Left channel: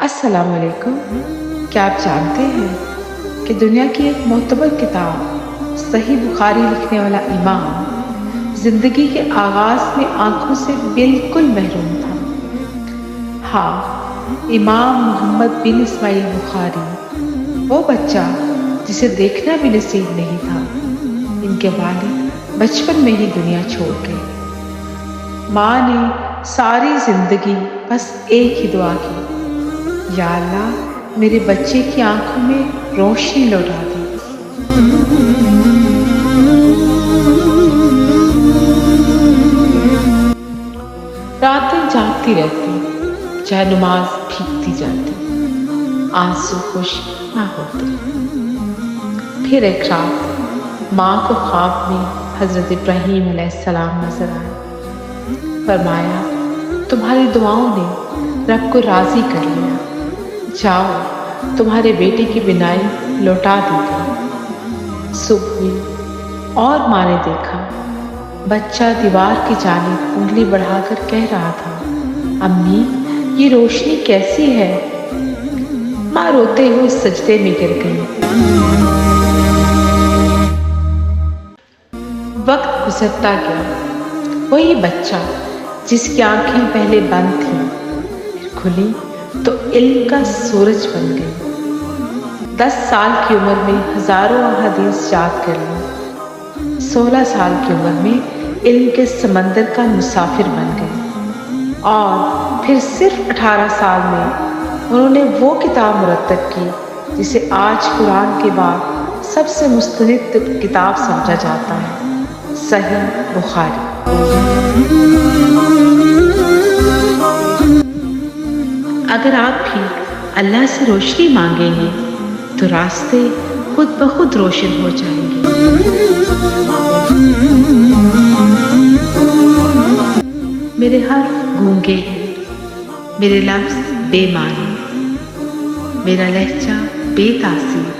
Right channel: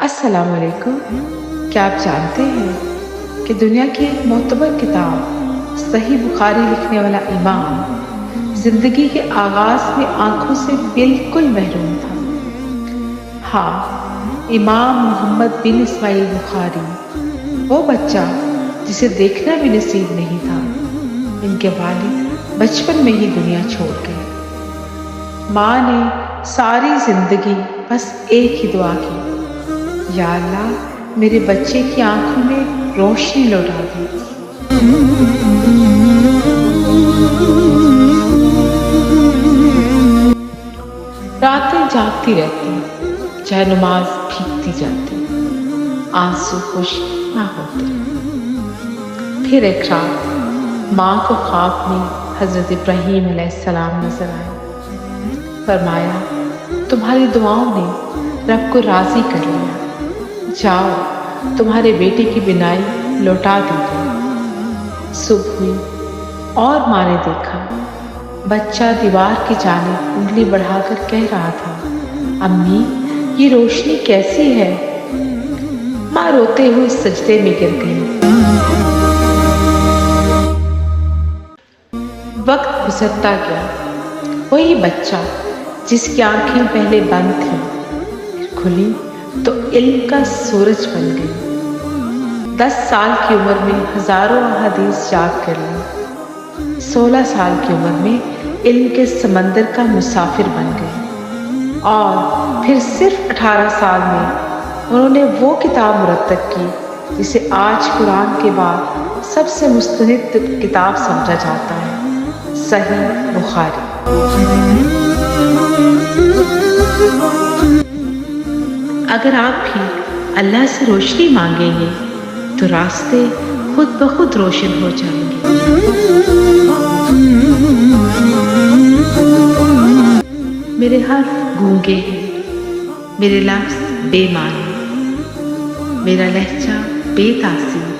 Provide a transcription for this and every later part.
السلام علیکم۔ کیا آپ جانتے ہیں کہ دنیا کی ایک معتبر کتاب صحیح بخاری لکھنے والا امام زندگی کے آغاز میں آنکھوں سے بالکل محروم تھا؟ ہاں، امام محمد بن اسماعیل بخاری، وہ بچہ جسے دیکھنا بھی نصیب نہیں تھا۔ ان کے والد بچپن میں ہی دنیا چھوڑ گئے۔ ماں نے ساری زندگی بس ایک ہی دعا کی، یا اللہ میرے بچے کی آنکھوں میں روشنی لوٹا دے۔ راتیں جاگتی رہتی، چاہے نماز بھیگتی جاتی، آنسو خشک نہ ہوتے۔ پھر ایک رات ماں کو خواب میں حضرت ابراہیم علیہ السلام نظر آئے۔ فرمایا، تمہاری دعاؤں نے رب کو راضی کر لیا، جاؤ تمہارے بیٹے کی بینائی لوٹا دی گئی۔ صبح ہوئی اور ماں نے دیکھا بچہ دیوار کی جانب انگلی بڑھا کر کہہ رہا تھا، امی یہ روشنی کیسی ہے؟ ماں روتے ہوئے سجدے میں گر گئی۔ وقت گزرتا گیا، وہی بچہ جس کی آنکھیں پہلے بند تھیں پھر کھلی تو علم کا سورج بن گئی۔ 10 سال کی عمر میں ہزاروں احادیث یاد کر لی۔ 16 سال کی عمر میں علم کے سمندر کا مسافر بن گئی، اور پھر صرف 18 سال میں انہوں نے وہ کتاب مرتب کی جسے آج قرآن کے بعد سب سے مستند کتاب سمجھا جاتا ہے، صحیح بخاری۔ اگر آپ بھی اللہ سے روشنی مانگیں گے تو راستے خود بخود روشن ہو جائیں گے۔ میرے حرف گونگے ہیں، میرے لفظ بے معنی، میرا لہجہ بے تاثیر،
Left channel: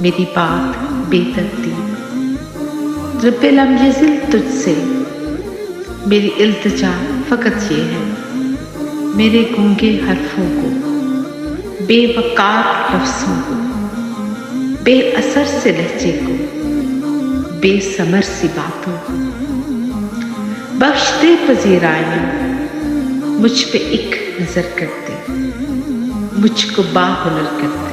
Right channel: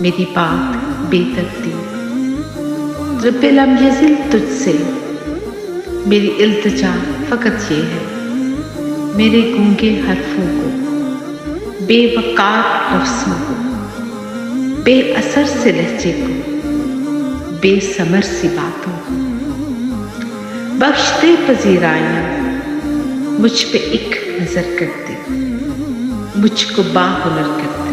میری بات بے ترتیب۔ رب لم یزل تجھ سے میری التجا فقط یہ ہے، میرے گونگے حرفوں کو، بے وقار لفظوں کو، بے اثر سے لہجے کو، بے ثمر سی باتوں کو، بخش دے پذیرائیاں، مجھ پہ ایک نظر کرتے، مجھ کو باہنر کرتے۔